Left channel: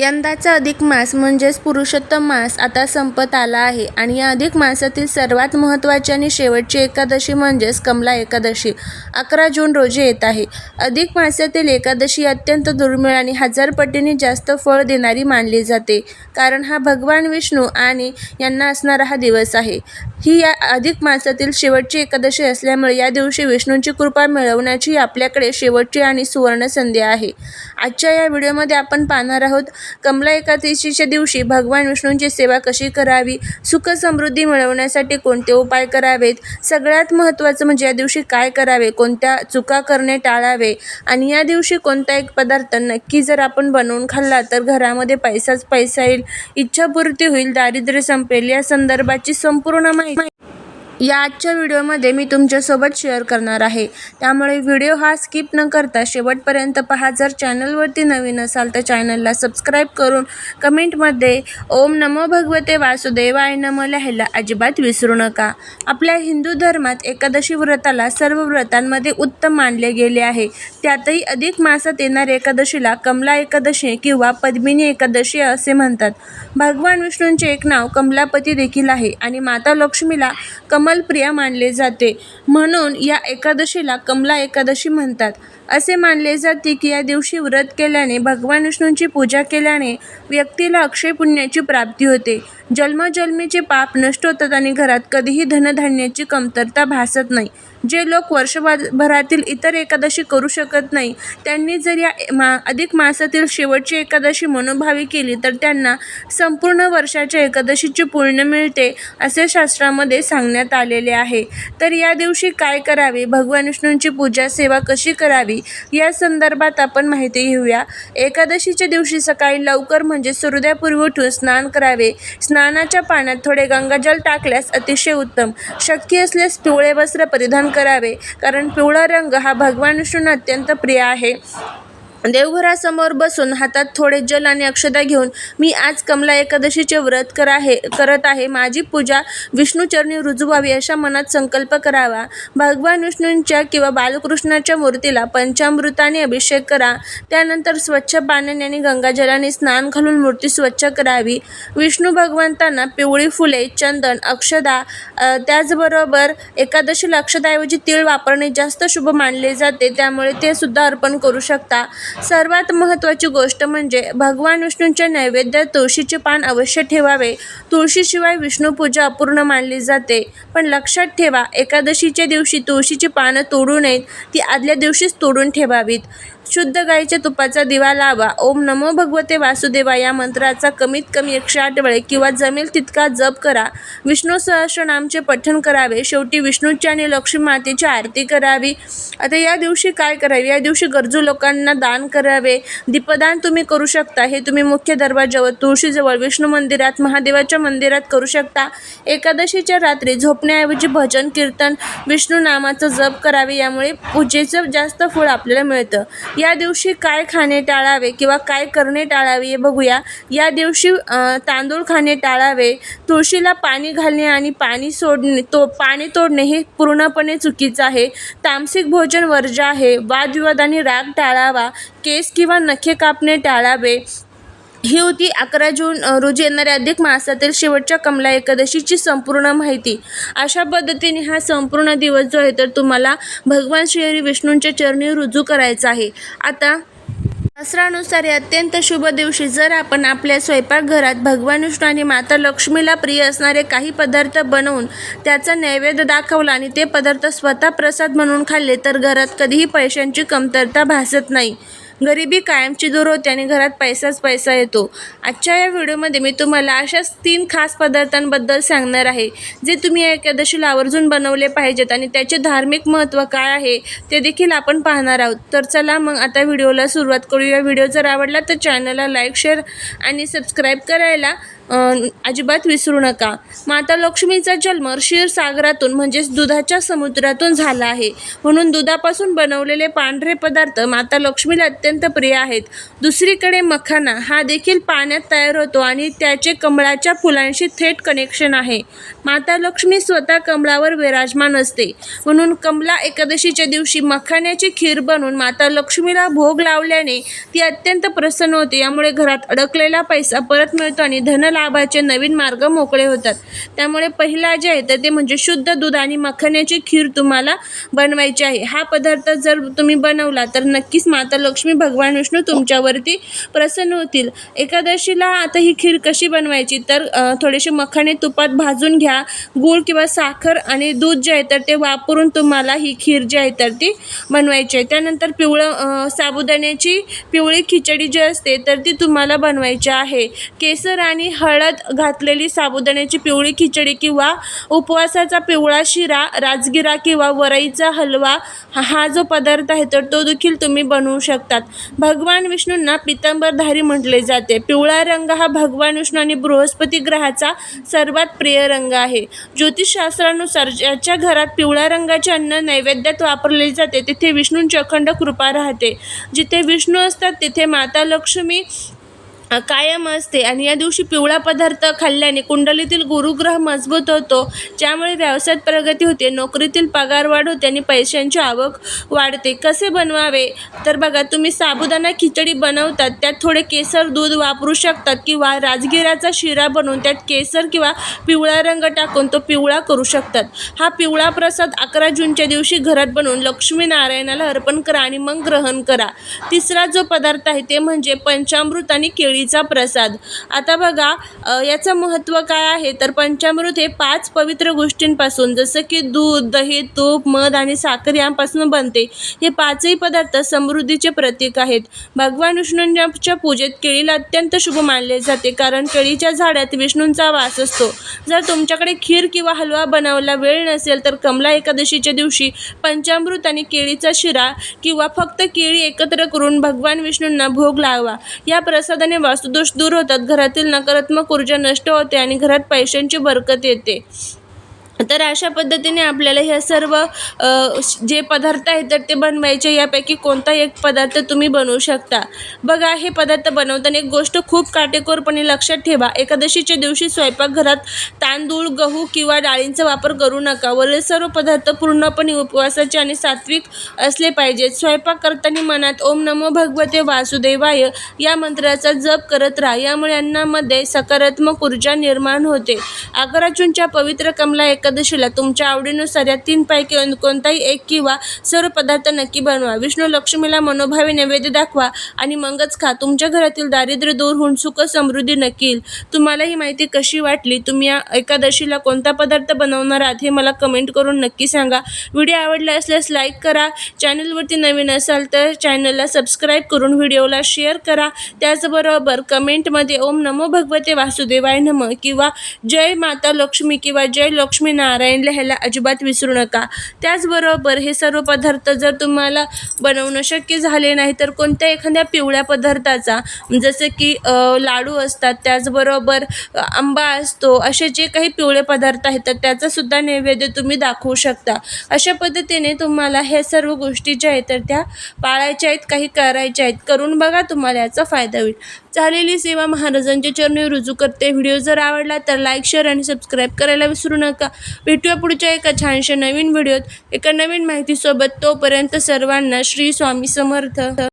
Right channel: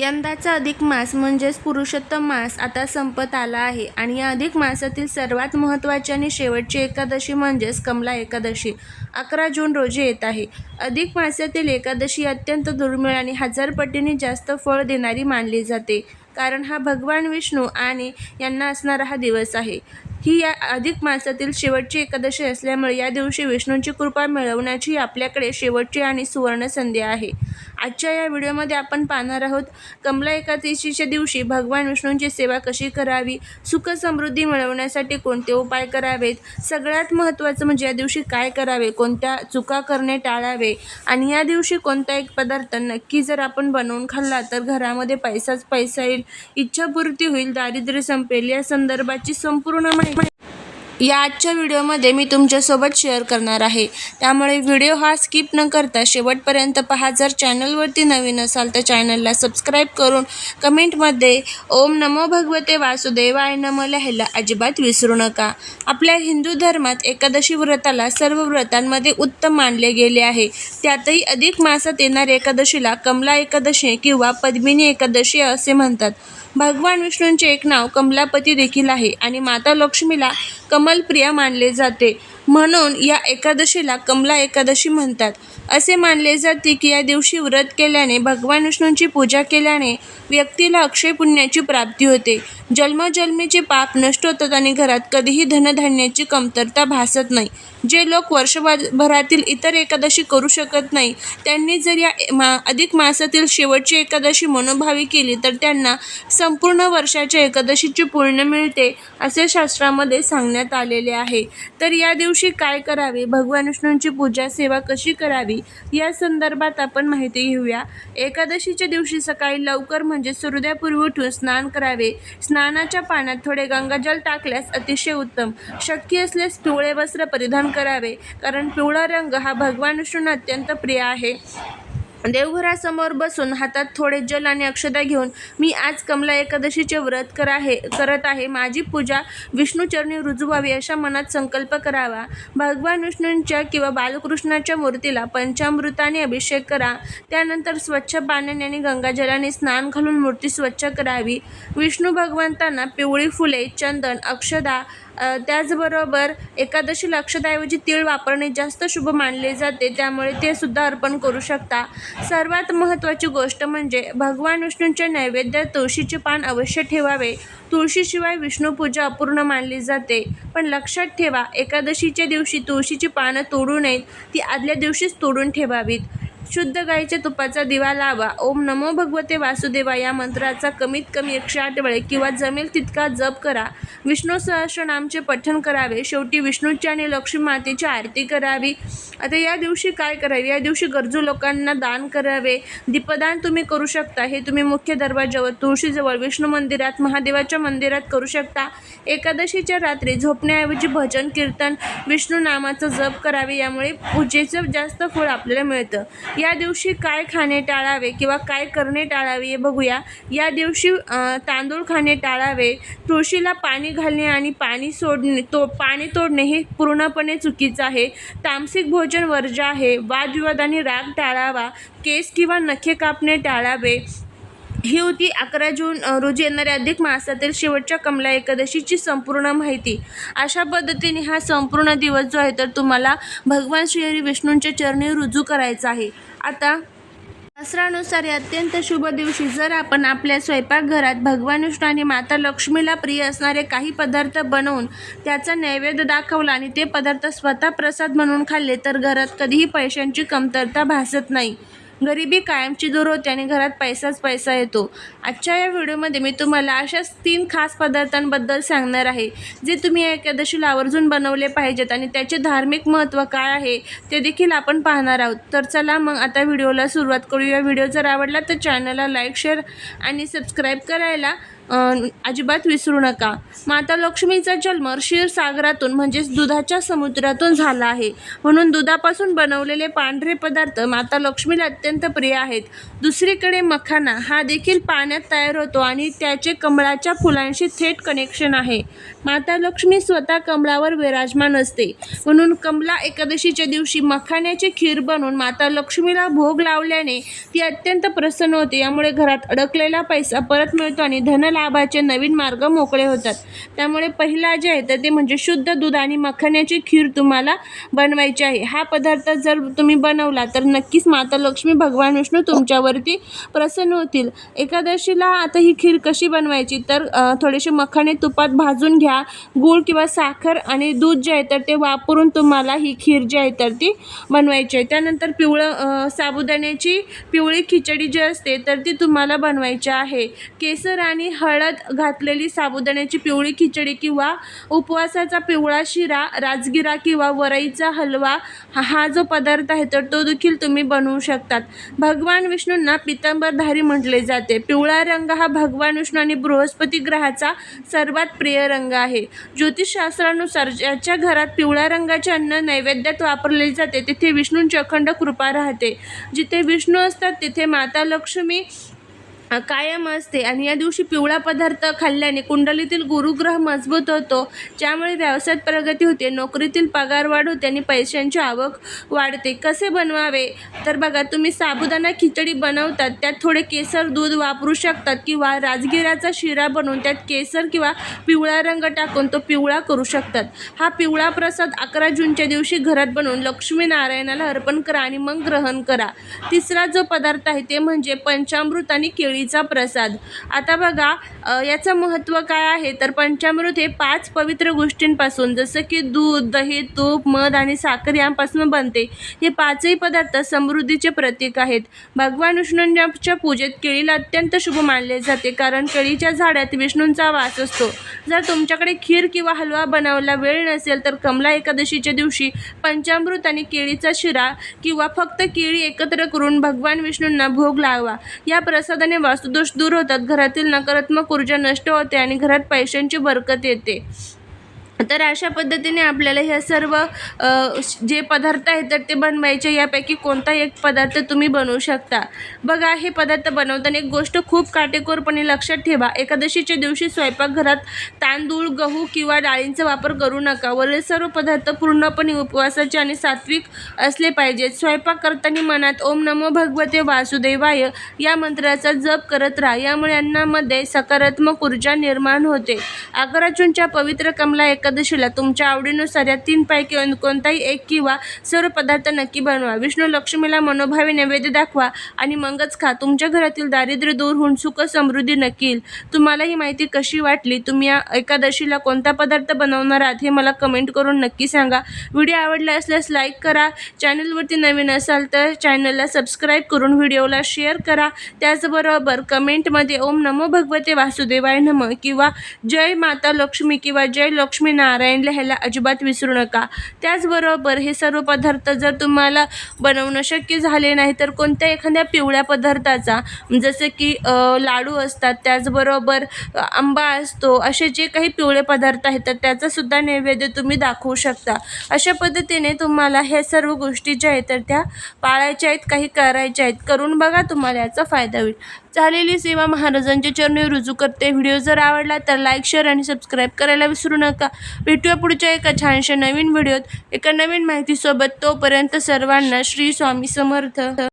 यंदाचा अधिक मास म्हणजेच पुरुषोत्तम मास आता संपत आला आहे आणि या अधिक मासातील सर्वात महत्त्वाची आणि शेवटची एकादशी म्हणजेच कमला एकादशी 11 जून रोजी येत आहे. अधिक मासातील एकादशी अत्यंत दुर्मिळ आणि 1000 पटींनी जास्त फळ देणारी मानली जाते, कारण हा भगवान विष्णू आणि यांना असणारा हा दिवस आहे. ही या अधिक मासातील शेवटची एकादशी असल्यामुळे या दिवशी विष्णूंची कृपा मिळवण्याची आपल्याकडे शेवटची आणि सुवर्ण संधी आहे. आजच्या या व्हिडिओमध्ये आपण पाहणार आहोत कमला एकादशीच्या दिवशी भगवान विष्णूंची सेवा कशी करावी, सुख समृद्धी मिळवण्यासाठी कोणते उपाय करावेत, सगळ्यात महत्त्वाचं म्हणजे या दिवशी काय करावे, कोणत्या चुका करणे टाळावे आणि या दिवशी कोणता एक पदार्थ नक्की जर आपण बनवून खाल्ला तर घरामध्ये पैसाच पैसा येईल, इच्छापूर्ती होईल, दारिद्र्य संपेल, या संदर्भाची संपूर्ण माहिती या आजच्या व्हिडिओमध्ये मी तुमच्यासोबत शेअर करणार आहे. त्यामुळे व्हिडिओ हा स्किप न करता शेवटपर्यंत पहा. जर चॅनलवरती नवीन असाल तर चॅनलला सबस्क्राईब करून कमेंटमध्ये ओम नमो भगवते वासुदेवाय नमः लिहायला अजिबात विसरू नका. आपल्या हिंदू धर्मात एकादशी व्रताला सर्व व्रतांमध्ये उत्तम मानले गेले आहे. त्यातही अधिक मासात येणाऱ्या एकादशीला कमला एकादशी किंवा पद्मिनी एकादशी असे म्हणतात. भगवान विष्णूंचे एक नाव कमलापती देखील आहे आणि माता लक्ष्मीला कमलप्रिया मानले जाते, म्हणून या एकादशीला कमला एकादशी म्हणतात. असे मानले जाते की या दिवशी व्रत केल्याने, भगवान विष्णूंची पूजा केल्याने व्यक्तीला अक्षय पुण्याची प्राप्ती होते, जन्मजन्मीचे पाप नष्ट होतात आणि घरात कधीही धनधान्याची कमतरता भासत नाही. जे लोक वर्षभरातील इतर एकादशी करू शकत नाही त्यांनी जर या अधिक मासातील शेवटची एकादशी मनोभावी केली तर त्यांना संपूर्ण वर्षाच्या एकादशीची पुण्य मिळते, असे शास्त्रामध्ये सांगण्यात आलेले आहे. तर या दिवशी काय करावे, भगवान विष्णूंची पूजा सेवा कशी करावी या संदर्भात आपण माहिती घेऊया. एकादशीच्या दिवशी सकाळी लवकर म्हणजे सूर्योदयापूर्वी उठून स्नान करावे. स्नानाच्या पाण्यात थोडे गंगाजल टाकल्यास अतिशय उत्तम. शक्य असल्यास पिवळे वस्त्र परिधान करावे, कारण पिवळा रंग हा भगवान विष्णूंना अत्यंत प्रिय आहे. देवघरासमोर बसून हातात थोडे जल आणि अक्षता घेऊन मी आज कमला एकादशीचे व्रत करत आहे, माझी पूजा विष्णूचरणी रुजू व्हावी अशा मनात संकल्प करावा. भगवान विष्णूंच्या किंवा बालकृष्णाच्या मूर्तीला पंचामृताने अभिषेक करा. त्यानंतर स्वच्छ पाण्याने आणि गंगाजलाने स्नान घालून मूर्ती स्वच्छ करावी. विष्णू भगवंतांना पिवळी फुले, चंदन, अक्षता, त्याचबरोबर एकादशीला अक्षताऐवजी तीळ वापरणे जास्त शुभ मानले जाते, त्यामुळे ते सुद्धा अर्पण करू शकता. सर्वात महत्त्वाची गोष्ट म्हणजे भगवान विष्णूंच्या नैवेद्यात तुळशीचे पान अवश्य ठेवावे. तुळशीशिवाय विष्णूपूजा अपूर्ण मानली जाते. पण लक्षात ठेवा, एकादशीच्या दिवशी तुळशीची पानं तोडू नयेत, ती आदल्या दिवशीच तोडून ठेवावीत. शुद्ध गाईच्या तुपाचा दिवा लावा. ओम नमो भगवते वासुदेवाय या मंत्राचा कमीत कमी 108 वेळे किंवा जमेल तितका जप करा. विष्णू सहस्रनामचे पठण करावे. शेवटी विष्णूची आणि लक्ष्मी मातेची आरती करावी. आता या दिवशी काय करावे, या दिवशी गरजू लोकांना दान करावे. दीपदान तुम्ही करू शकता. हे तुम्ही मुख्य दरवाजावर, तुळशीजवळ, विष्णू मंदिरात, महादेवाच्या मंदिरात करू शकता. एकादशीच्या रात्री झोपण्याऐवजी भजन कीर्तन, विष्णू नामाचा जप करावे, यामुळे पूजेचं जास्त फळ आपल्याला मिळतं. या दिवशी काय खाणे टाळावे किंवा काय करणे टाळावे हे बघूया. या दिवशी तांदूळ खाणे टाळावे. तुळशीला पाणी घालणे आणि पाणी तोडणे हे पूर्णपणे चुकीचं आहे. तामसिक भोजन वर्ज्य आहे. वादविवाद आणि राग टाळावा. केस किंवा नखे कापणे टाळावे. ही होती 11 जून रोजी येणाऱ्या अधिक मासातील शेवटच्या कमला एकादशीची संपूर्ण माहिती. अशा पद्धतीने हा संपूर्ण दिवस जो आहे तर तुम्हाला भगवान श्री विष्णूंच्या चरणी रुजू करायचा आहे. आता शास्त्रानुसार या अत्यंत शुभ दिवशी जर आपण आपल्या स्वयंपाकघरात भगवान विष्णू आणि माता लक्ष्मीला प्रिय असणारे काही पदार्थ बनवून त्याचा नैवेद्य दाखवला आणि ते पदार्थ स्वतः प्रसाद म्हणून खाल्ले तर घरात कधीही पैशांची कमतरता भासत नाही. गरिबी कायमची दूर होते आणि घरात पैसाच पैसा येतो. आजच्या या व्हिडिओमध्ये मी तुम्हाला अशाच 3 खास पदार्थांबद्दल सांगणार आहे जे तुम्ही या एकादशीला आवर्जून बनवले पाहिजेत आणि त्याचे धार्मिक महत्त्व काय आहे ते देखील आपण पाहणार आहोत. तर चला मग आता व्हिडिओला सुरुवात करूया. व्हिडिओ जर आवडला तर चॅनलला लाईक, शेअर आणि सबस्क्राईब करायला अजिबात विसरू नका. माता लक्ष्मीचा जन्म क्षीरसागरातून म्हणजेच दुधाच्या समुद्रातून झाला आहे, म्हणून दुधापासून बनवलेले पांढरे पदार्थ माता लक्ष्मीला अत्यंत प्रिय आहेत. दुसरीकडे मखाना हा देखील पाण्यात तयार होतो आणि त्याचे कमळाच्या फुलांशी थेट कनेक्शन आहे. माता लक्ष्मी स्वतः कमळावर विराजमान असते. म्हणून कमला एकादशीच्या दिवशी मखाण्याची खीर बनवून माता लक्ष्मीला भोग लावल्याने ती अत्यंत प्रसन्न होते. यामुळे घरात अडकलेला पैसा परत मिळतो आणि धनलाभाचे नवीन मार्ग मोकळे होतात. त्यामुळे पहिला जे आहे तर ते म्हणजे शुद्ध दूध आणि मखाण्याची खीर तुम्हाला बनवायची आहे. हा पदार्थ जर तुम्ही बनवला तर नक्कीच माता लक्ष्मी भगवान विष्णू तुमच्यावरती प्रसन्न होतील. एकादशीला आता ही खीर कशी बनवायची तर थोडेसे मखाणे तुपात भाजून घ्या. गूळ किंवा साखर आणि दूध जे आहे तर ते वापरून तुम्हाला ही खीर जी आहे तर ती बनवायची आहे. त्यानंतर साबुदाण्याची पिवळी खिचडी जी असते तर ती तुम्हाला बनवायची आहे. केसर आणि हळद घातलेली साबुदाण्याची पिवळी खिचडी किंवा उपवासाचा पिवळा शिरा, राजगिरा किंवा वरईचा हलवा हा जो पदार्थ आहे तर तो देखील तुम्ही बनवू शकतात. भगवान विष्णूंना पितांबरधारी म्हटले जाते. पिवळा रंग हा भगवान विष्णू आणि बृहस्पती ग्रहाचा सर्वात प्रिय रंग आहे. ज्योतिषशास्त्रानुसार ज्याच्या घरात पिवळ्या रंगाचे अन्न नैवेद्यात वापरले जाते तिथे विष्णूंची अखंड कृपा राहते. जिथे विष्णू असतात तिथे माता लक्ष्मी कायम असते. आणि या दिवशी पिवळा पदार्थ खाल्ल्याने कुंडलीतील गुरुग्रह मजबूत होतो, ज्यामुळे व्यवसायात प्रगती होते, नोकरीतील पगार वाढ होते आणि पैशांची आवक वाढते. कसे बनवावे तर बघा, तुम्ही साबुदाणा खिचडी बनवतात त्यात थोडे केसर दूध वापरू शकतात किंवा राजगिराचा शिरा बनवून त्यात केसर किंवा पिवळा रंग टाकून तो पिवळा करू शकतात. हा पिवळा प्रसाद 11 जूनच्या दिवशी घरात बनवून लक्ष्मीनारायणाला अर्पण करा आणि मग ग्रहण करा. तिसरा जो पदार्थ आहे ते म्हणजे पंचामृत आणि केळीचा प्रसाद. आता बघा याचं महत्त्व काय आहे तर पंचामृत हे 5 पवित्र गोष्टींपासून जसं की दूध, दही, तूप, मध आणि साखर यांपासून बनते. हे 5ही पदार्थ समृद्धीचे प्रतीक आहेत. भगवान विष्णूंच्या पूजेत केळीला अत्यंत शुभ मानले जाते, कारण केळीच्या झाडात विष्णूंचा वास असतो. जर तुमच्याकडे खीर किंवा हलवा बनवायला वेळ नसेल तर कमला एकादशीच्या दिवशी पंचामृत आणि केळीचा शिरा किंवा फक्त केळी एकत्र करून भगवान विष्णूंना भोग लावा. या प्रसादाने वास्तुदोष दूर होतात, घरातील नकारात्मक ऊर्जा नष्ट होते आणि घरात पैशांची बरकत येते. तर अशा पद्धतीने आपल्याला ह्या सर्व जे पदार्थ आहेत तर ते बनवायचे. यापैकी कोणता एक पदार्थ तुम्ही बनवू शकता. बघा, हे पदार्थ बनवताना एक गोष्ट खूप काटेकोरपणे लक्षात ठेवा. एकादशीच्या दिवशी स्वयंपाकघरात तांदूळ, गहू किंवा डाळींचा वापर करू नका. वरील सर्व पदार्थ पूर्णपणे उपवासाचे आणि सात्विक असले पाहिजेत. स्वयंपाक करताना मनात ओम नमो भगवते वासुदेवाय या मंत्राचा जप करत राहा. यामुळे अन्नामध्ये सकारात्मक ऊर्जा निर्माण होते. 11 जूनच्या पवित्र कमला एकादशीला तुमच्या आवडीनुसार या 3 पैकी कोणताही एक किंवा सर्व पदार्थ नक्की बनवा. विष्णू लक्ष्मीला मनोभावे नैवेद्य दाखवा आणि मगच खा. तुमच्या घरातील दारिद्र्य दूर होऊन सुख समृद्धी नक्की येईल. तुम्हाला ही माहिती कशी वाटली? तुम्ही या एकादशीला कोणता पदार्थ बनवणार आहात हे मला कमेंट करून नक्की सांगा. व्हिडिओ आवडला असल्यास लाईक करा. चॅनलवरती नवीन असाल तर चॅनलला सबस्क्राईब करून व्हिडिओला शेअर करा. त्याचबरोबर कमेंटमध्ये ओम नमो भगवते वासुदेवाय नमः किंवा जय माता लक्ष्मी किंवा जय लक्ष्मी नारायण लिहायला अजिबात विसरू नका. त्याचबरोबर हे सर्व पदार्थ जर तुम्हाला बनवणं शक्य झाले नाही तर कोणत्या एखाद्या पिवळ्या पदार्थाचा जसे की लाडू असतात, त्याचबरोबर आंबा असतो, असे जे काही पिवळे पदार्थ आहेत तर त्याचासुद्धा नैवेद्य तुम्ही दाखवू शकता. अशा पद्धतीने तुम्हाला हे सर्व गोष्टी ज्या आहेत तर त्या पाळायच्या आहेत, काही करायच्या आहेत. करून बघा, तुम्हाला याचा फायदा होईल. झालेली सेवा महाराजांच्या चरणी रुजू करते. व्हिडिओ जर आवडला तर लाईक, शेअर आणि सबस्क्राईब करायला विसरू नका. भेटूया पुढच्या एका छानशा नवीन व्हिडिओत एका नवीन माहितीसोबत. तोपर्यंत सर्वांना श्री स्वामी समर्थ.